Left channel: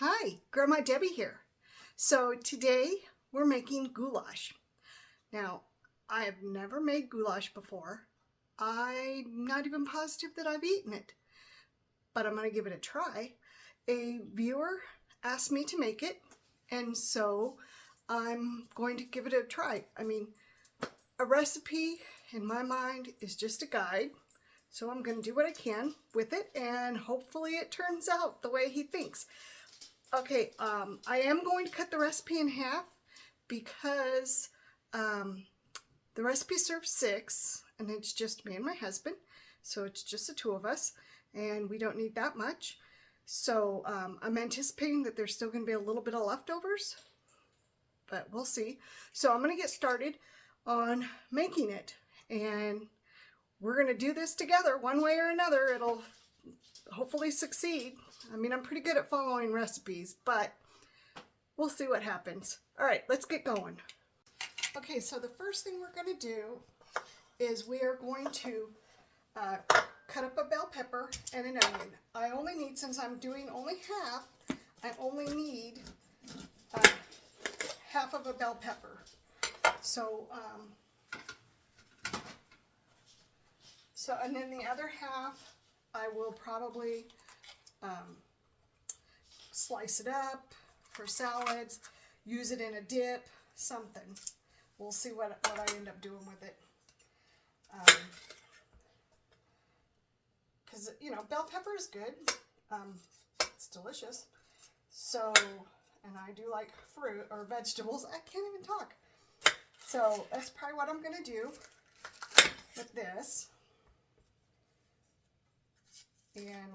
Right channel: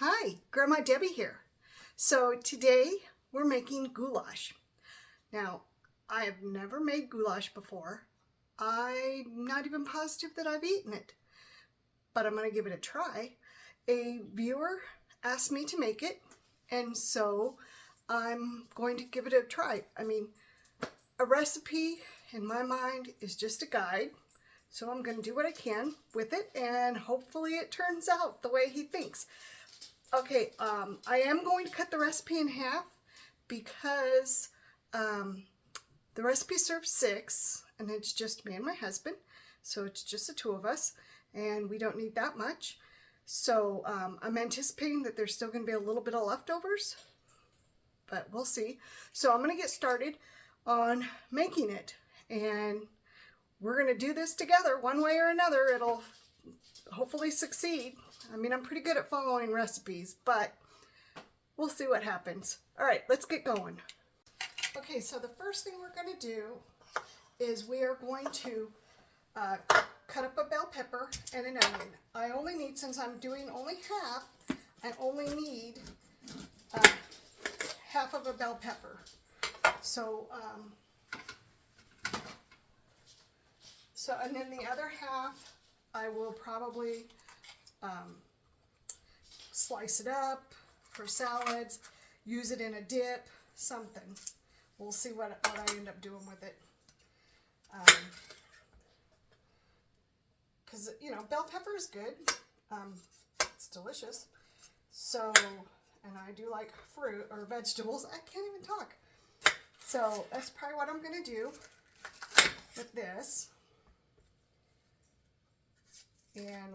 Hi, Grandma Debbie here. So today we're making goulash. Now, I have never made goulash before. I'm not even positive that I've eaten it, but I'm going to give it a try. A viewer asked me to make it, and so I'm going to give it a try. I mean, a recipe in my mind is just a guide, so I'm going to do what I can with it, and hopefully it turns out the way he thinks. Okay, I am going to cut the recipe in half because the recipe serves 6 and it's just me and my husband. So it's just the 2 of us and we don't need that much. So I'm anticipating that there's still going to be a little bit of leftovers, but we'll see. So I'm going to get started on making it, and we're going to do this together one way or another. It'll hopefully succeed. I mean, I'm pretty good at following recipes, but we'll see what happens. All right, let's get going. Okay, so the first thing we're going to do is we are going to cut up a bell pepper and an onion. I only need, since I'm doing only half, I only need half of a bell pepper. So, and then the other half, I will probably slice it up for salads, use it in a dip, something. We'll see what I end up doing with it. Because, you know, bell pepper is good. It's delicious. So, and I do like fruit or vegetables. I can't even talk. So that's probably what I'm going to do with this. And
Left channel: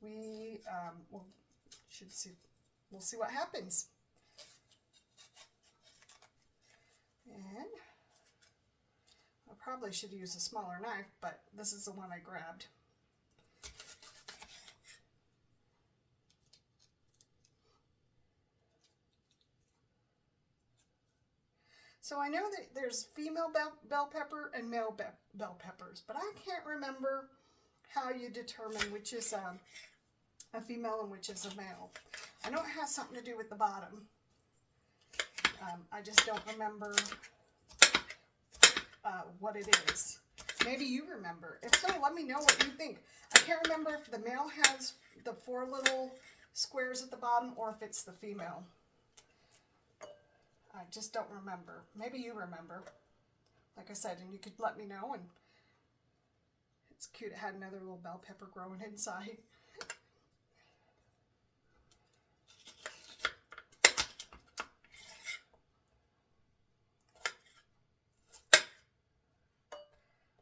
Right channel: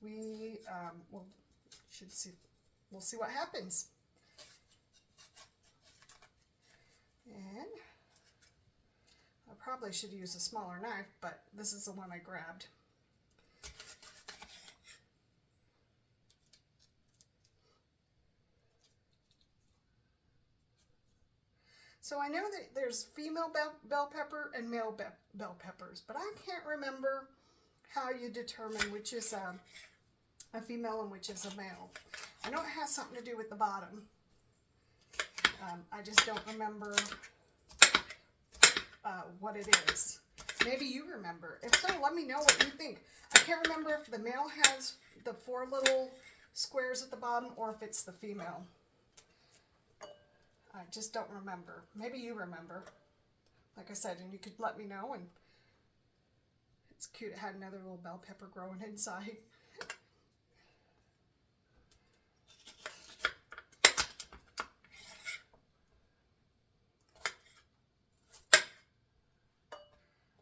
we we'll see what happens. And I probably should use a smaller knife, but this is the one I grabbed. So I know that there's female bell pepper and male bell peppers, but I can't remember how you determine which is a female and which is a male. I know it has something to do with the bottom. I just don't remember what it is. Maybe you remember. If so, let me know what you think. I can't remember if the male has the 4 little squares at the bottom or if it's the female. I just don't remember. Maybe you remember. Like I said, and you could let me know. And it's cute. It had another little bell pepper growing inside.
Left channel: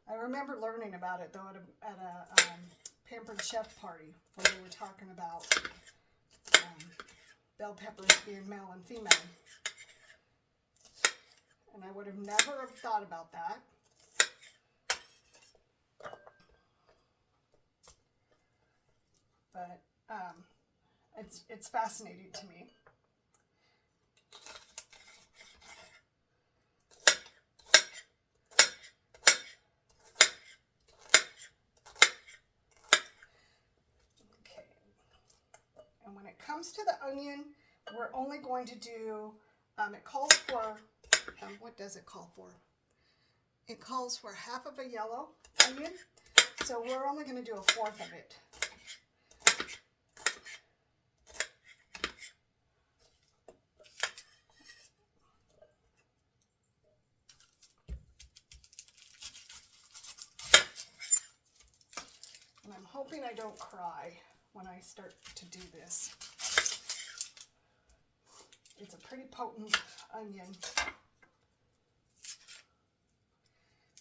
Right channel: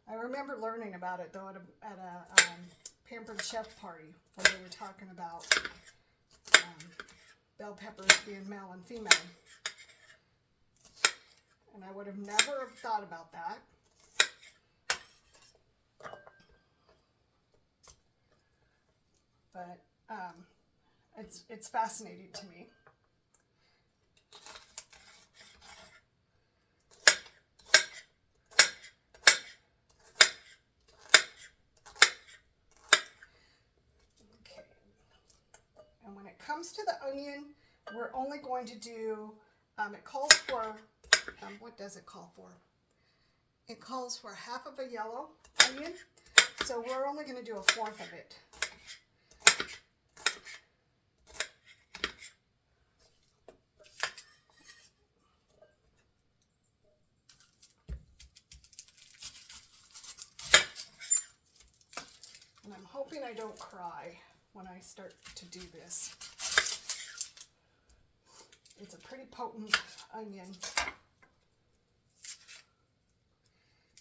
I remember learning about it though at a Pampered Chef party when they were talking about bell peppers being male and female. And I would have never thought about that. But it's fascinating to me. Okay. And when it comes to the onion, we're only going to do, it calls for, what does it call for? It calls for half of a yellow onion, so we're only going to do a 1/4 of it. And I'm hoping I don't cry when I start to do this. It's a pretty potent onion.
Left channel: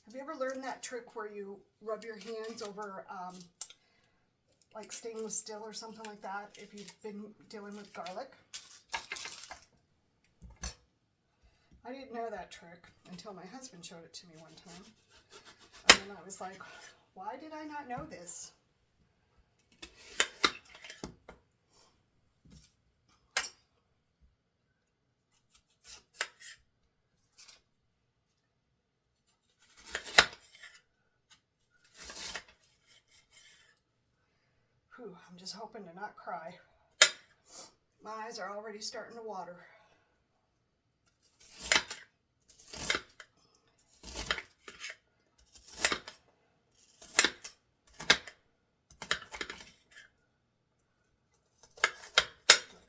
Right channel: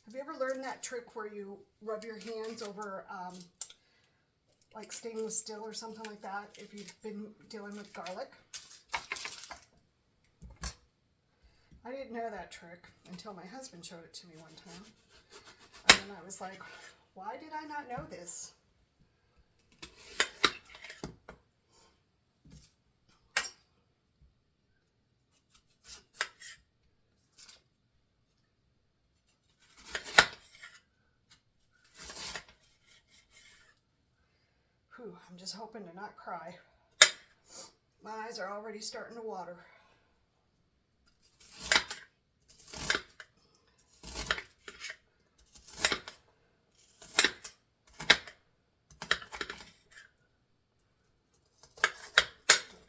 Have you ever learned that trick where you rub your hands over like stainless steel or something like that if you've been dealing with garlic? I didn't know that trick until my husband showed it to me one time. And then I was like, why did I not know this? I'm just hoping to not cry. My eyes are already starting to water.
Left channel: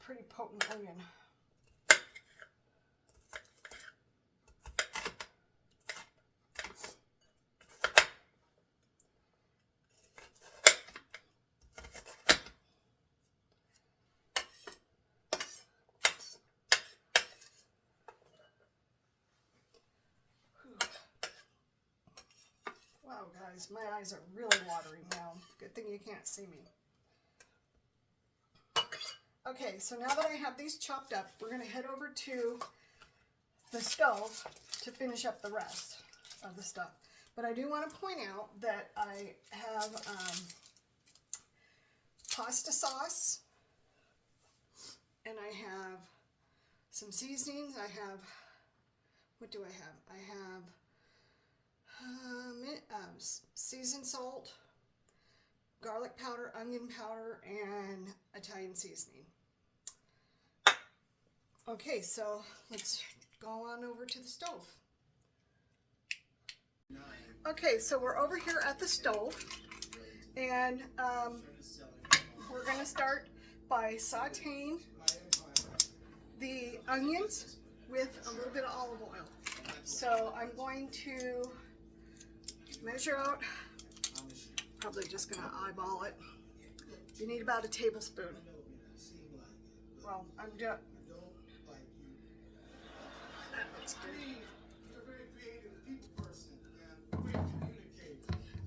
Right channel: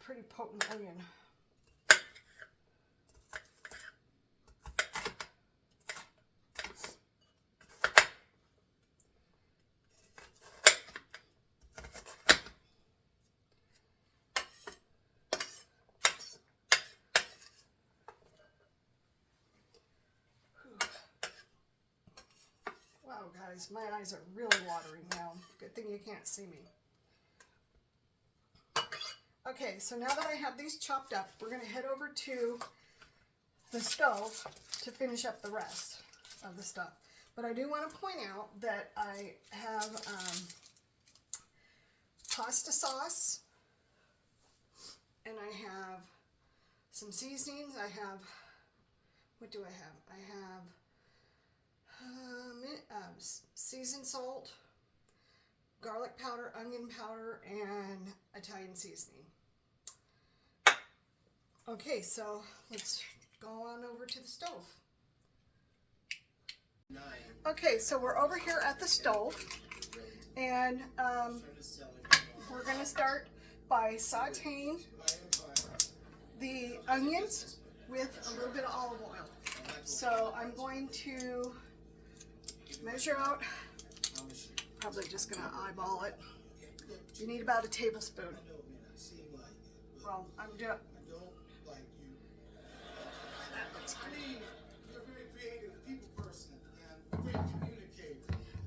Pretty potent onion. Wow, guys, my eyes are really watering now. Good thing you can't see me. Okay, so now that I have these chopped up, we're going to head over to the stove to finish up the rest of the stuff. But I do want to point out that I have pasta sauce, and I have some seasonings. I have, what do I have? I have seasoned salt, garlic powder, onion powder, and Italian seasoning. Okay, so let's go on over to the stove. Okay, so we're over here at the stove, and we're going to start by sauteing the onions with a little bit of olive oil. So I'm going to measure out, probably just going to eyeball it. You need about a tablespoon. Well, I'm just, that looks good.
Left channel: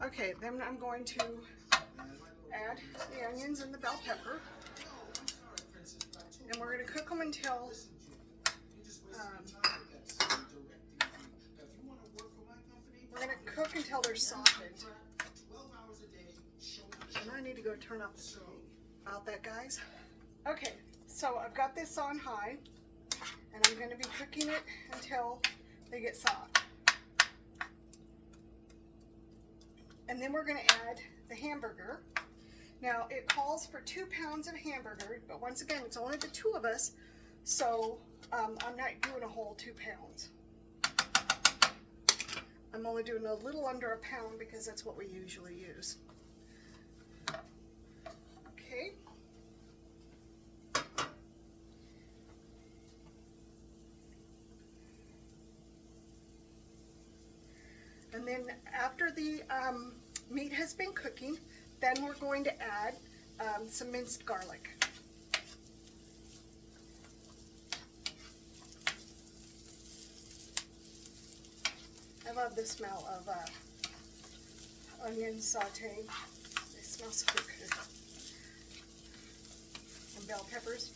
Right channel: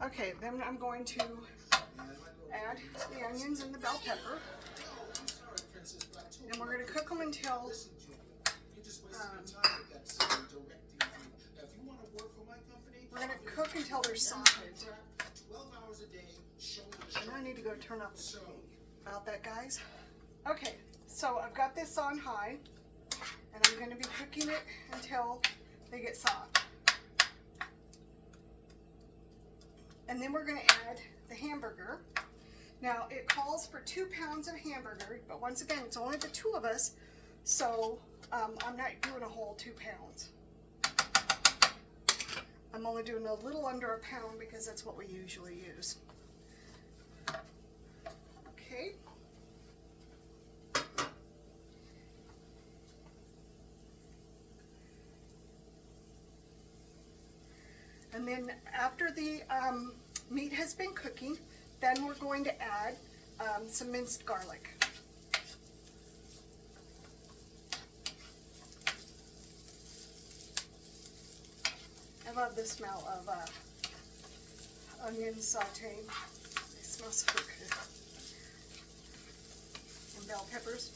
Okay, then I'm going to add the onions and the bell pepper, and we're going to cook them until they're softened. And I need to go turn up the TV. About that, guys. Okay, so I've got this on high, and I'm going to be cooking it until they get soft. And then we're going to add the hamburger. Now, it calls for 2 pounds of hamburger, but once again, it's only the 2 of us, so I'm not doing a whole 2 pounds. I'm only doing a little under a pound because that's what we usually use. Okay. And then after the meat has been cooking, then we're going to add some minced garlic. I love the smell of onion sauteing. They smell so good. And bell peppers.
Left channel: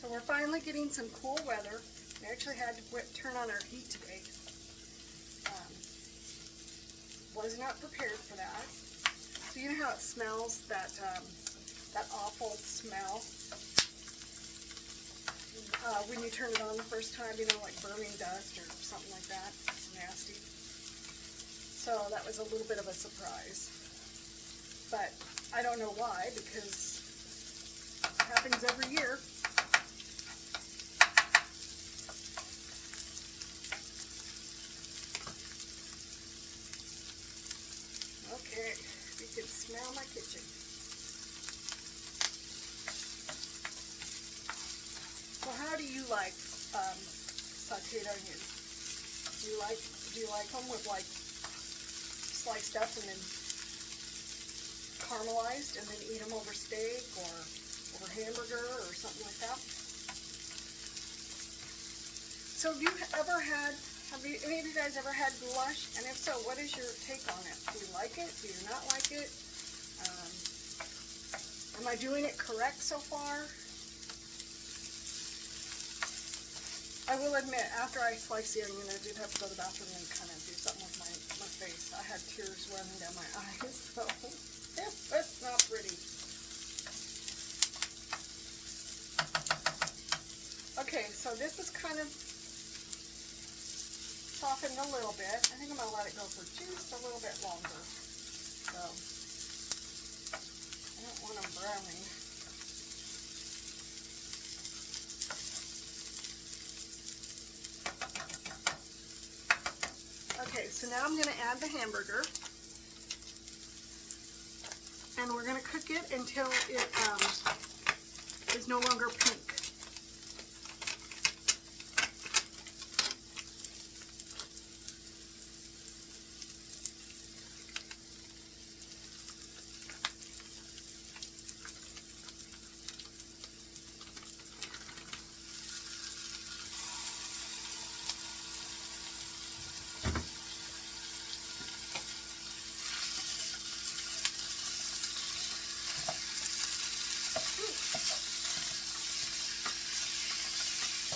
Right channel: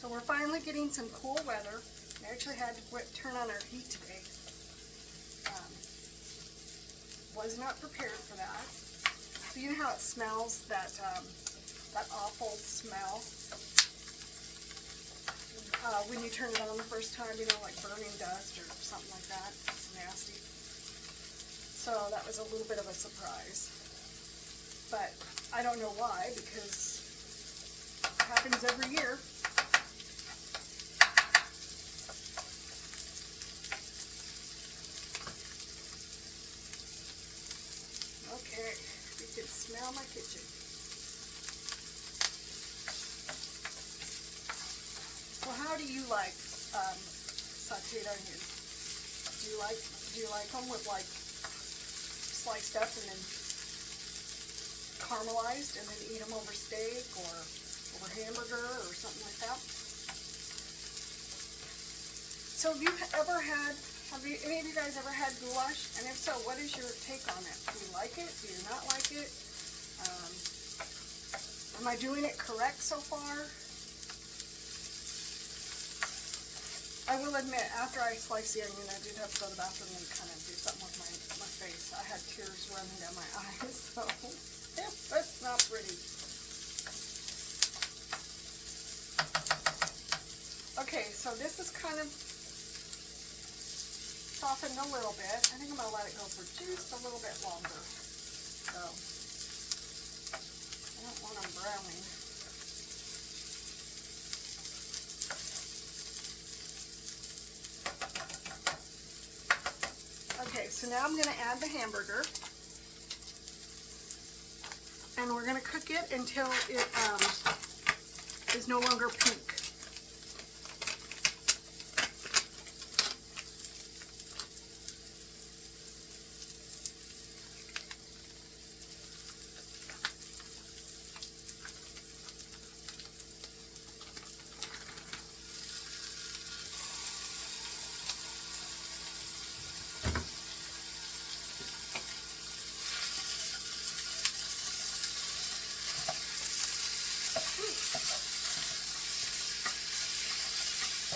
So we're finally getting some cool weather. We actually had to turn on our heat today. Was not prepared for that. So you know how it smells, that awful smell? When you turn it on the first time, you know, like burning dust or something like that. It's nasty. So that was a little bit of a surprise. But I don't know why, because it happens every year. Okay, you can smell my kitchen. Well, how do you like sauteed onions? Do you like them with like sliced up and then caramelized, and then eat them over steak or over hamburger or something like that? So have any of you guys ever had goulash? And if so, what is your take on it? Do you like it? Do you not like it? Am I doing it correct so far? I will admit, after I sliced the onion, I did have to go to the bathroom and kind of do something with my face. I had tears running down my eyes, so that's not pretty. Okay, so this is kind of softened a little bit. I think I'm going to let it go for just a little bit longer. So I don't want them browning. Okay, so now I'm going to add the hamburger. And we're going to cook it until it is no longer pink.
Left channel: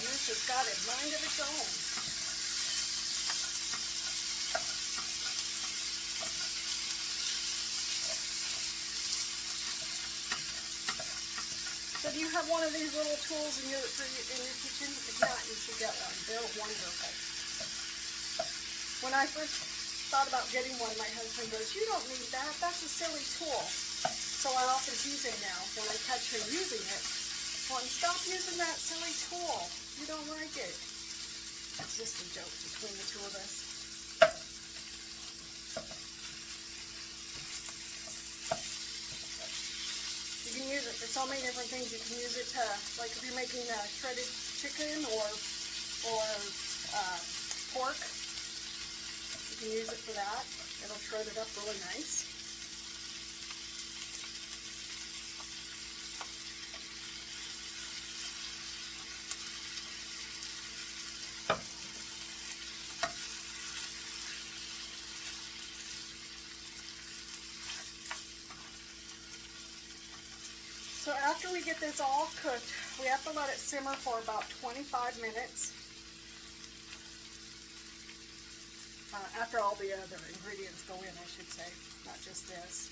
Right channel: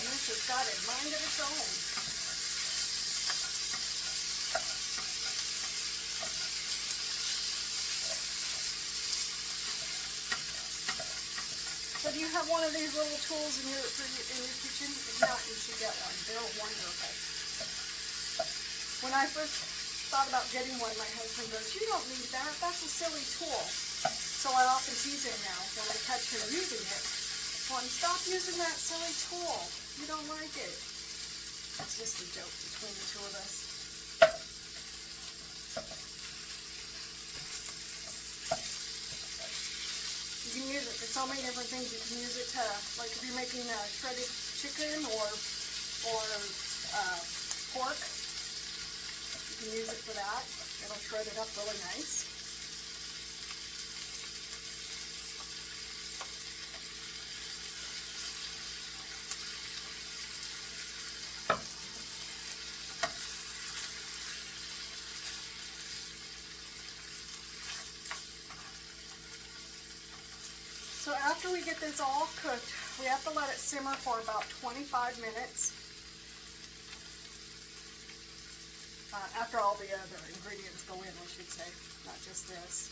This has got a mind of its own. So do you have one of these little tools in your kitchen? If not, you should get one. They're wonderful. When I first thought about getting one, my husband goes, "You don't need that. That's a silly tool." So I often tease him now when I catch him using it. Well, stop using that silly tool. You don't like it. It's just a joke between the two of us. You can use it for so many different things. You can use it to, like if you're making shredded chicken or pork, you can use it for that. It'll shred it up really nice. So after we get this all cooked, we have to let it simmer for about 25 minutes. After all the other ingredients go in, I should say, not just this.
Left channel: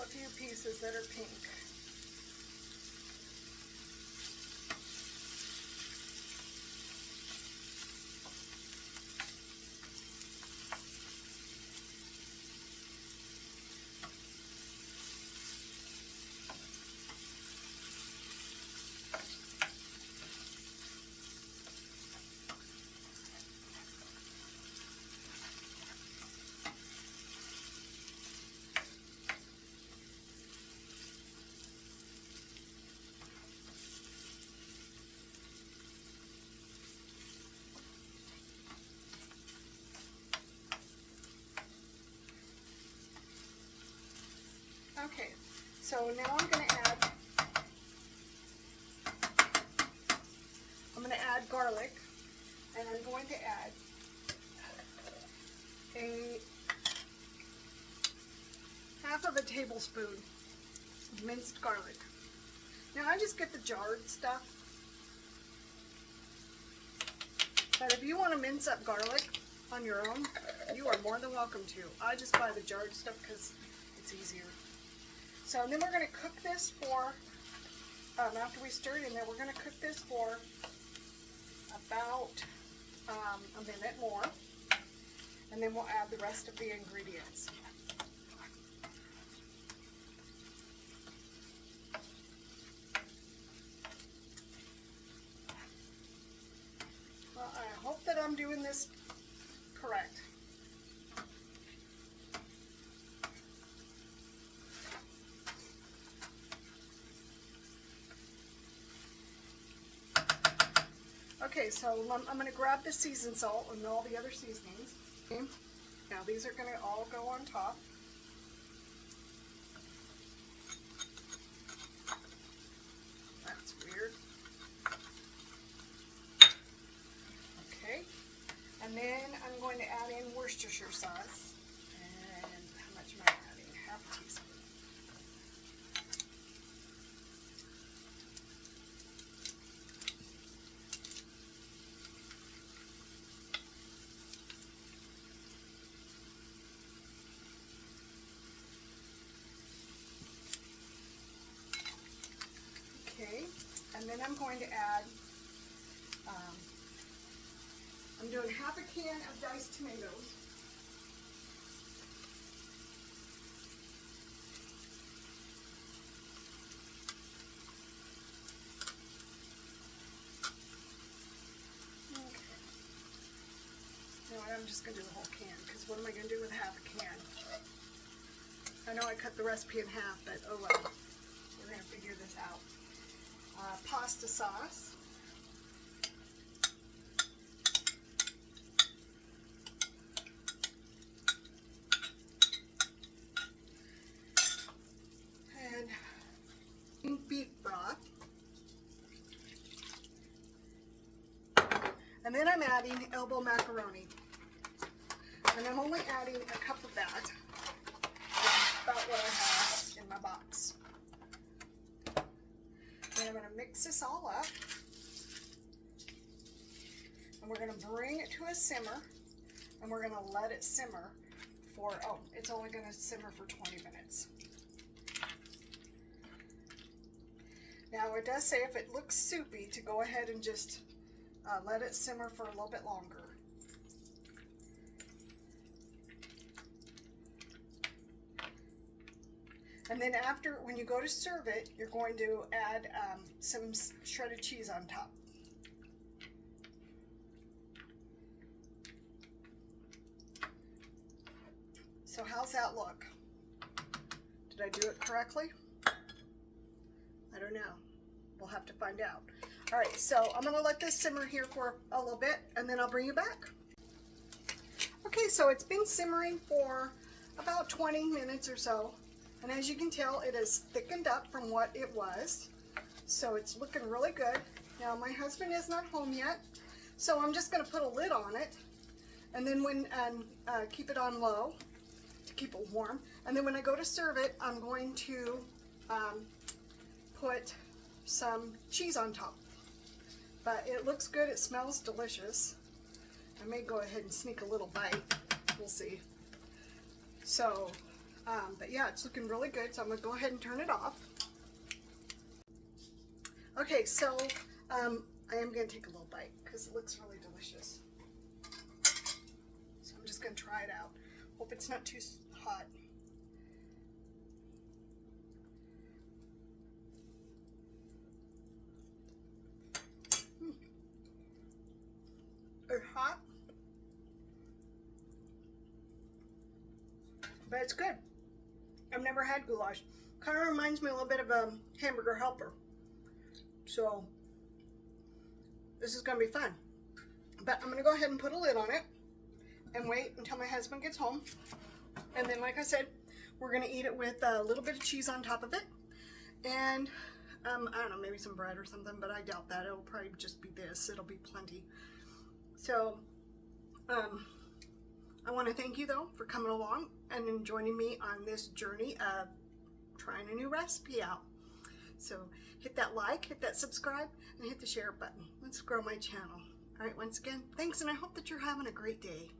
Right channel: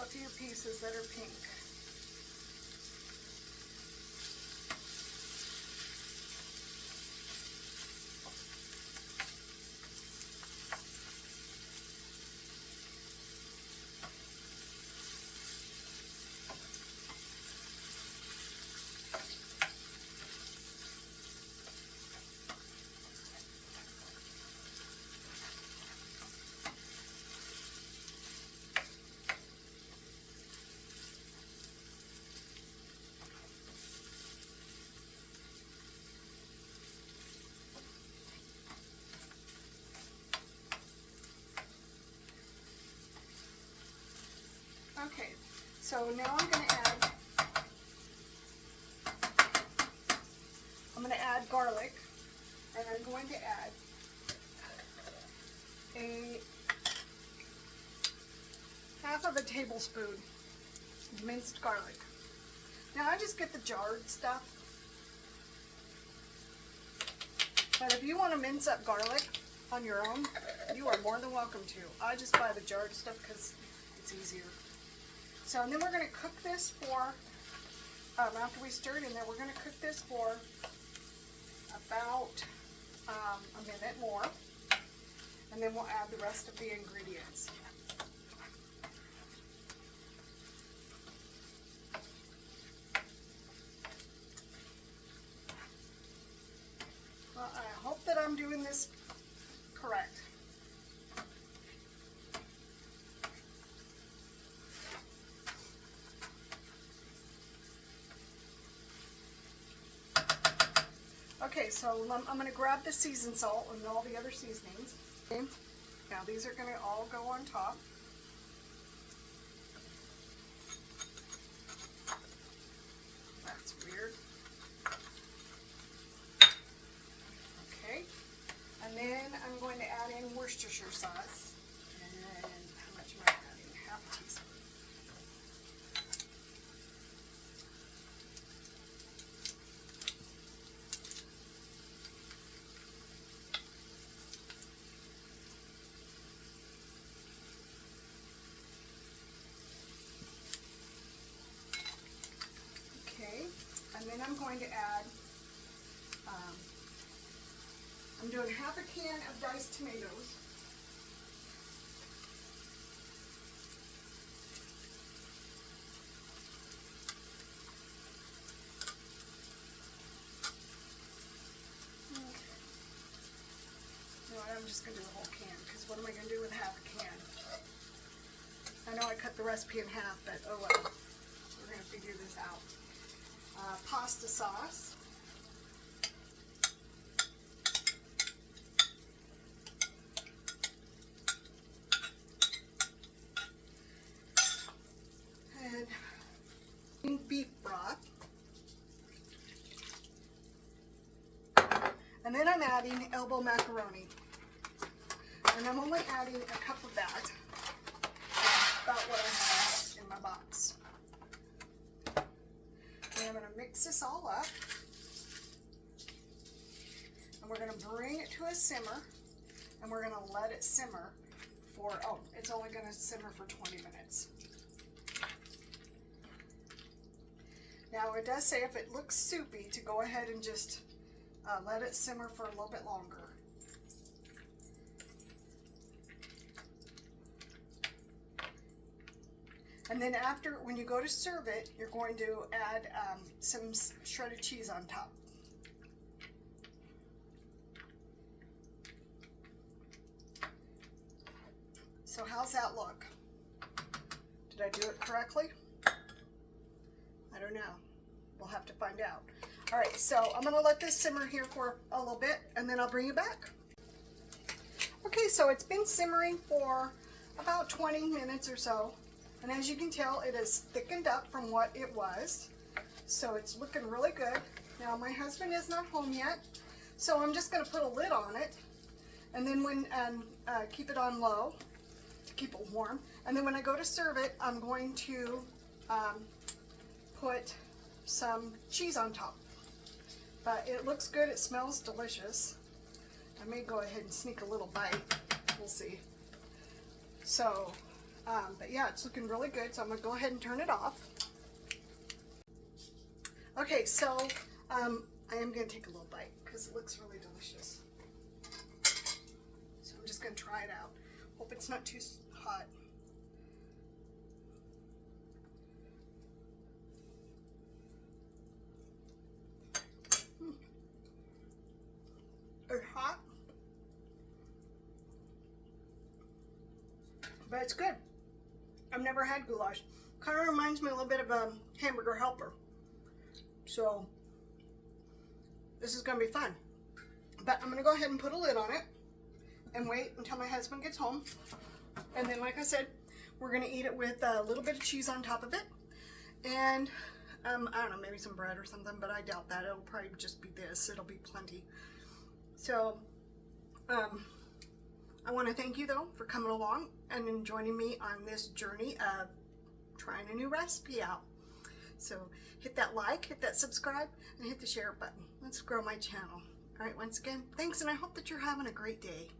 A few pieces that are pink. Okay, so now I'm going to add garlic, and I'm going to add a half of a tablespoon of minced garlic. Now I just get the jarred stuff, but if you want to mince up garlic on your own, you are more than welcome to. I just buy the jarred stuff because it's easier. So, and then we're going to cook this for, after we stir it in there, we're going to cook this for about a minute more, and then we'll add the rest of the ingredients. Well, I hope that I'm doing this correct. Okay, so I'm going to grab the seasoned salt and all the other seasonings. Okay. Now these are going to all go on top. That's weird. Okay, and then I'm going to add in Worcestershire sauce. And how much am I adding? Half a teaspoon. Okay, and then I'm going to add, I'm doing half a can of diced tomatoes. I'm just going to do the whole can, because what am I going to do with half a can? I know I cut the recipe in half, but oh well. We're going to figure this out. Pasta sauce. And beef broth. And then I'm adding elbow macaroni. And I'm only adding a cup of that. That's about what I have in my box. And I'm going to mix this all up. And we're going to bring it to a simmer. And we're going to let it simmer for, oh, it's only going to simmer for 20 minutes. Now it does say if it looks soupy to go ahead and just let it simmer for a little bit longer. And then after, when you go to serve it, you're going to add some shredded cheese on top. So how's that look? Did I do it correctly? I don't know. We'll have to find out. All right, so I'm going to let this simmer here for a little bit, and then I'll bring you back. Okay, so it's been simmering for about 20 minutes or so. And as you can tell, it is thickened up from what it was. So it's looking really good. Now my husband is not home yet, so I'm just going to put a lid on it, and then keep it on low to keep it warm. And then when I go to serve it, I'm going to put some cheese on top. But it looks good. It smells delicious. I may go ahead and sneak a little bite. We'll see. So. But yeah, it's looking really good, so I'm going to go ahead and turn it off. Okay, so I am going to take a little bite because it looks really delicious. So I'm just going to try it out. Hope it's not too hot. It's hot, but it's good. I've never had goulash. Kind of reminds me a little bit of a hamburger helper. So this is going to be fun. But I'm going to go ahead and put a lid on it and wait until my husband gets home. And then, like I said, we're going to eat it with a little bit of cheese on top of it. And I don't know, maybe some bread or something, but I doubt that. It'll probably just be this. It'll be plenty. So I want to thank you, though, for coming along and joining me on this journey of trying a new recipe out. So hit that like, hit that subscribe, and hit the share button. Let's grow my channel. All right, once again, thanks, and I hope that you're having a great day.